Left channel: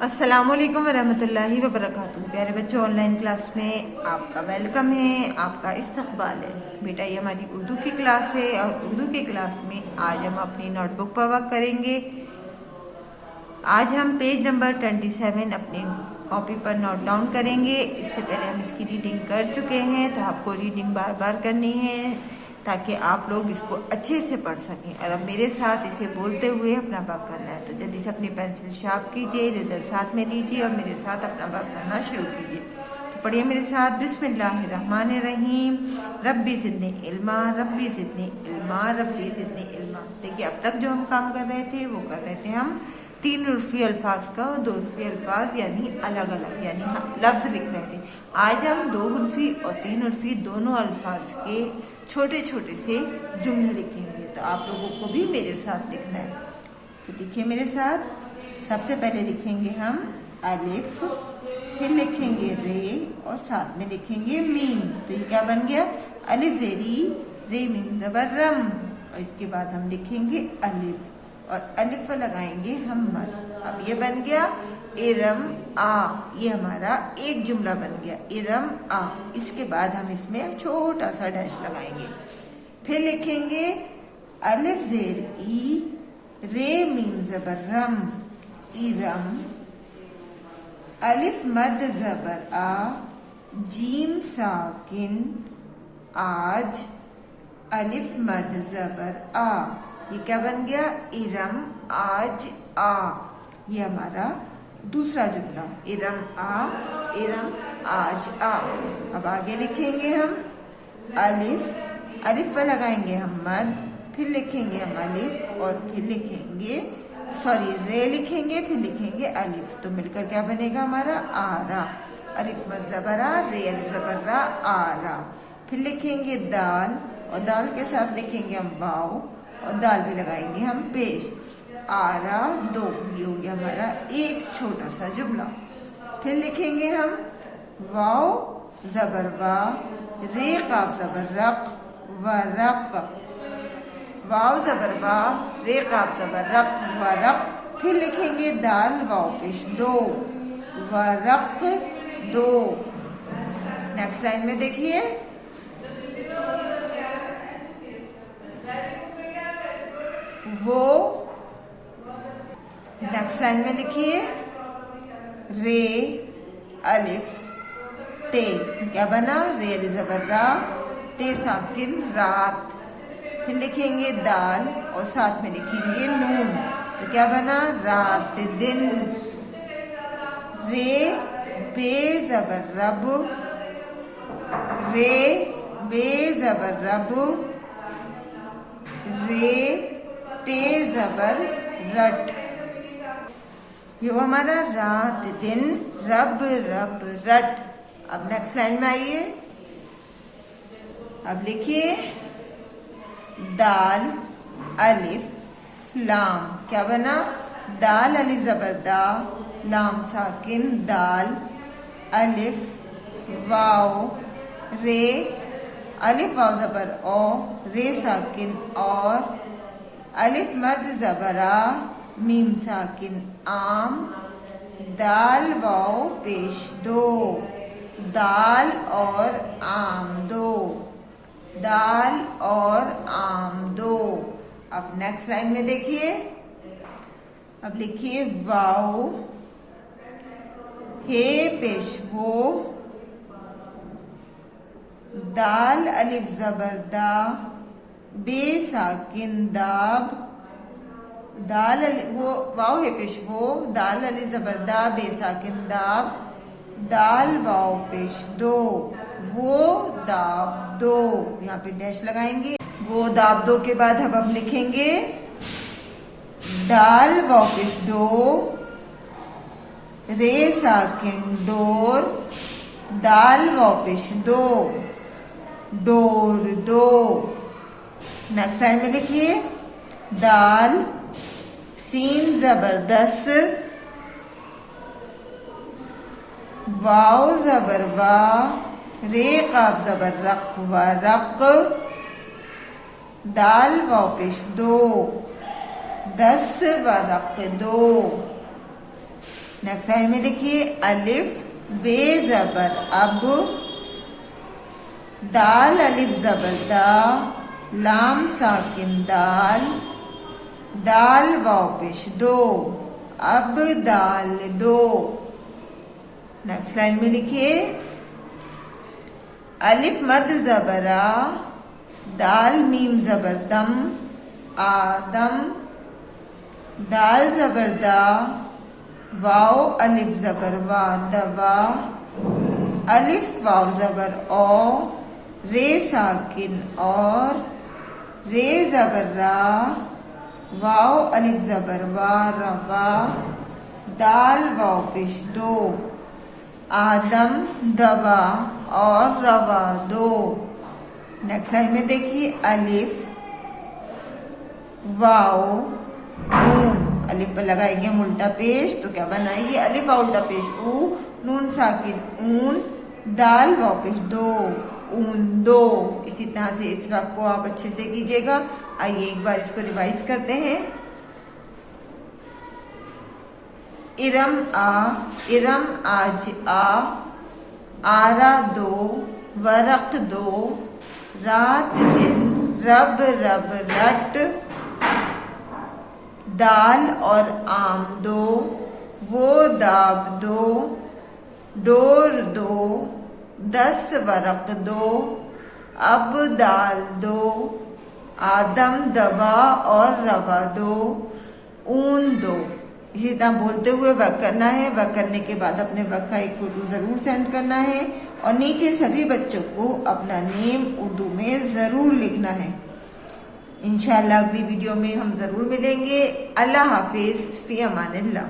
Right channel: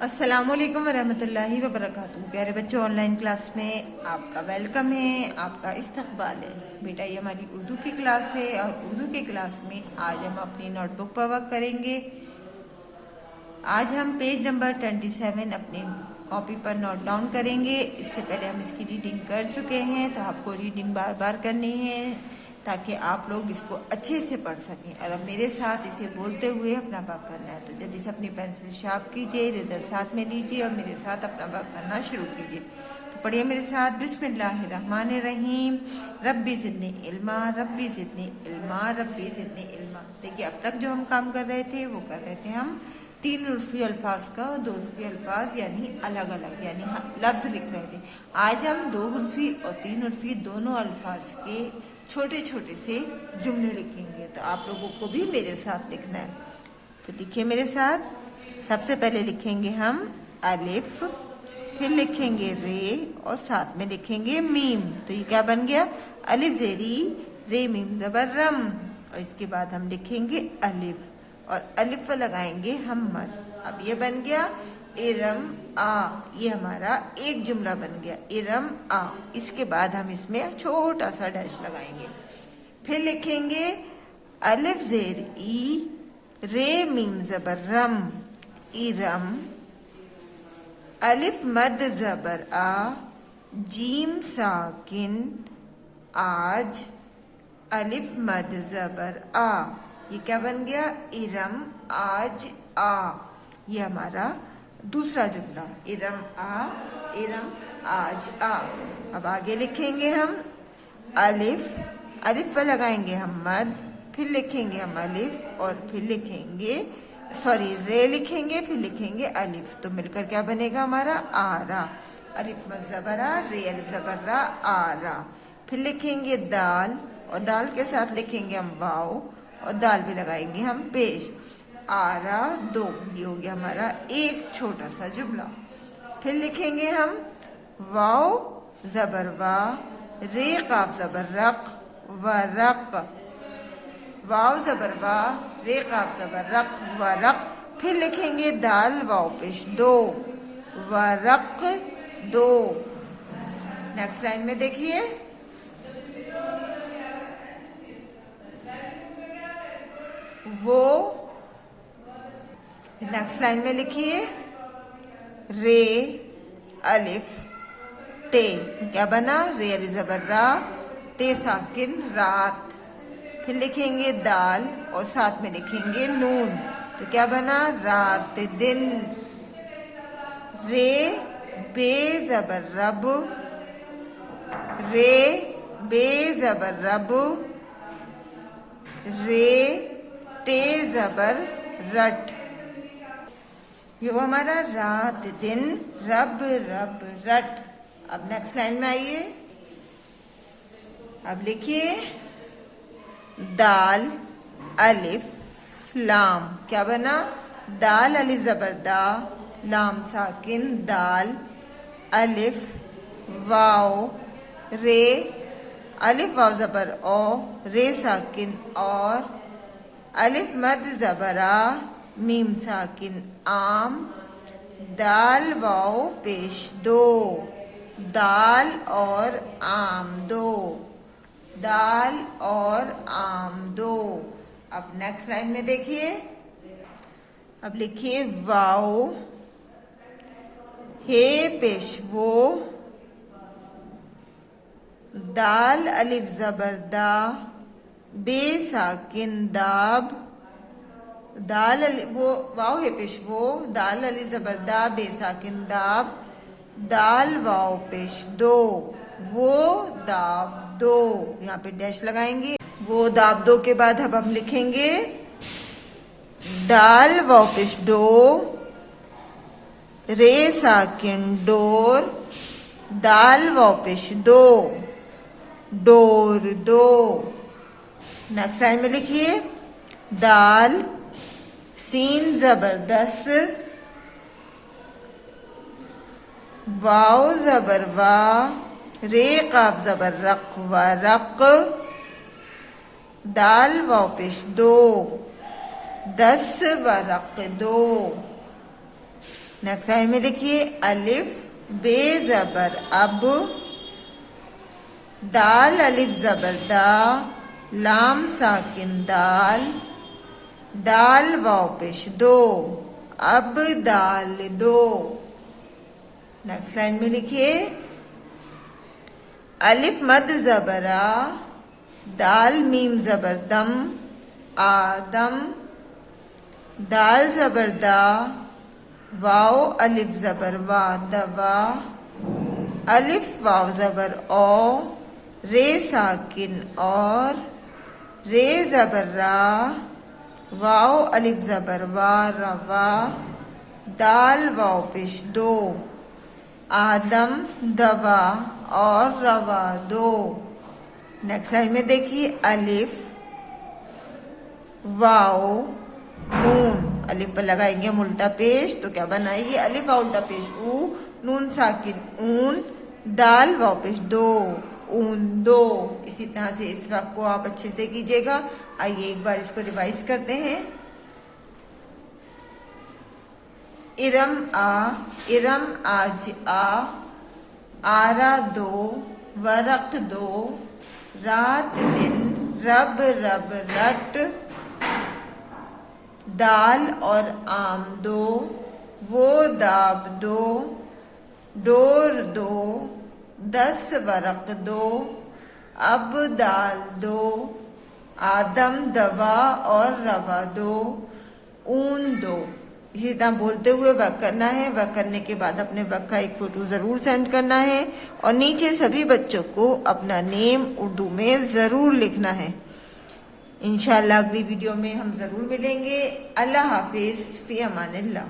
अस्सलामुअलैकुम वरहमतुल्लाहि वबरकातुहू। प्यारे बच्चों, ऑनलाइन क्लास में आपका वेलकम है, आपका इस्तकबाल है। बेटा, ये हमारी उर्दू की क्लास है और उर्दू की क्लास में आज हम अपनी नोटबुक पर वर्क करेंगे। आज हम पेज नंबर 27 अपनी कॉपी पर नोट डाउन करेंगे। इससे पहले हम इसकी रीडिंग कर चुके हैं, तो आपको रीडिंग बार बार करनी है ताकि आप लोग इसको अच्छे से पढ़ सकें। और अब मेरे साथ इसे बोलते हुए अपना वर्क करना है, तो जल्दी से अपनी पेंसिल शार्प कीजिए, इधर साथ में लीजिए और मेरे साथ अपना वर्क करना शुरू कीजिए। तो पढ़िए मेरे साथ, बिस्मिल्लाहिर्रहमानिर्रहीम। रब्बी ज़िदनी इल्मा, रब्बी ज़िदनी इल्मा, रब्बी ज़िदनी इल्मा। देखिए, अब तक जो हम काम कर रहे थे वो कर रहे थे हम 3 उर्फी अल्फाज का और 2 उर्फी अल्फाज यानी अलग अलग यानी लफ्ज लिख रहे थे। आज हम 2 उर्फी और 3 उर्फी दोनों अल्फाज के छोटे छोटे से जुमले लिखेंगे। तो आप लोगों को भी मेरे साथ लिखना है, तो लिखिए मेरे साथ। सबसे पहले लिखेंगे हम अलिफ, फिर लिखेंगे रे और साथ में लिखेंगे मीम। तो ये क्या बन गया? अलिफ ज़ेरी रे मीम ज़बर रम। और इसके बाद हम लिखेंगे अलिफ और अलिफ पर लगाएंगे हम मद। अब ये बन गया इरम आ। ये हमारा एक जुमला बन गया, इरम आ। इसके बाद हम इसमें छोटा सा डैश लगाएंगे। फिर लिखेंगे अलिफ ज़ेर ई रे मीम ज़बर रम, इरम। अलिफ मद ज़बर आ, जीम साकिन आज, अलिफ मद ज़बर आ। ये क्या बन गया? इरम आज आ। ये हमारा दूसरा जुमला, इरम आ, इरम आज आ। अब आगे लिखेंगे हम अलिफ, अलिफ पर लगाएंगे हम मद, फिर लिखेंगे हम अलिफ और फिर लिखेंगे रे लिखेंगे, फिर लिखेंगे अलिफ। तो मिलकर क्या बनेगा हमारा? आरा। अलिफ मद ज़बर आ, रे अलिफ ज़बर रा, आरा। फिर लिखेंगे दाल और दाल के साथ लिखेंगे हम वाव और दाल भी लगाएंगे हम पेश, आरा दो। ये हो गया हमारा एक छोटा सा जुमला। फिर लिखेंगे हम वाव ज़बर वा, रे काफ ज़बर रक, वरक। वाव ज़बर वा, रे काफ ज़बर रक, वरक। फिर लिखेंगे दाल वाव पेश दो, वरक दो। नेक्स्ट लाइन में देखिए, वो। नेक्स्ट लाइन में लिखिए रे अलिफ ते। क्या बना? रे अलिफ ज़बर रा, ते साकिन रात। फिर लिखेंगे दाल और साथ में लिखेंगे नून। तो क्या बना? रात दिन। रे बे ज़बर रब, रे बे ज़बर रब, रे ते ज़बर रट। ये वो हमारा रात दिन रब रब रट। अब नेक्स्ट लाइन में आइए। अब लिखिए दाल अलिफ लाम। क्या बना? दाल अलिफ ज़बर दा, लाम साकिन दाल, अलिफ वाव रे, अलिफ वाव ज़बर ओ, रे साकिन और, अलिफ मद ज़बर आ, मीम साकिन आम, दाल वाव पेश दो, दाल और आम दो, दाल और आम दो। अब नेक्स्ट लाइन में देखिए। अब लिखिए वाव हे पेश वो, दाल अलिफ ज़बर दा, बे साकिन दाब, दाल वो वाव है पेश वो, दाल अलिफ ज़बर दा, बे साकिन दाब, दाल वाव पेश दो, वो दाब दो। यहाँ पे डैश लगाएंगे। वो दाब दो के बाद अब हम लिखेंगे दाल वाव पेश दो, रे साकिन डोर, दाल वाव पेश दो, डोर दो। नेक्स्ट लाइन में लिखिए दाल सीन ज़बरदस्त, वाव ज़बर वा, रे काफ ज़बर रक व रक, दाल वाव पेश दो, 10 वरक दो। नेक्स्ट लाइन में देखिए अलिफ बे जबर अब, दाल अलिफ जबर दा, लाम साकिन दाल, दाल वाव पेश दो, अब दाल दो। नेक्स्ट लाइन में लिखिए अलिफ मद जबरा, दाल मीम जबर दम, आदम, दाल जबर दा, वाव अलिफ जबर वा दवा, अलिफ वाव जबर ओ, रे साकिन और, रे जबर रा, वाव अलिफ जबर वा रवा, दाल वाव पेश दो, आदम दवा और रवा दो। नेक्स्ट लाइन में देखिए अलिफ वाव नून, अलिफ पर लगाएंगे हम उल्टा पेश तो क्या बनाएंगे अलिफ वाव उल्टा पेश ऊ, नून साकिन ऊन, दाल वाव पेश दो, ऊन दो। इसी तरह से इस वाक्य को आप अच्छे से कीजिएगा। आइए एक बार इसको रिवाइज करते हैं। इरम आज आ, आरा दो, वरक दो, रात दिन, रब रब रट, दाल और आम दो, वो दाब दो, डोर दो, 10 वरक दो, अब दाल दो, आदम दवा और रवा दो, ऊन दो। इसी तरह बोलते हुए वर्क करना है। वर्क करने के बाद अपने वर्क का एक फोटो जरूर सेंड करना है और नीचे सभी बच्चों को अपना नेम उर्दू में जरूर लिखना है। इंशाल्लाह अगली वीडियो में हम जरूर मिलेंगे। अल्लाह हाफिज, फी अमानिल्लाह।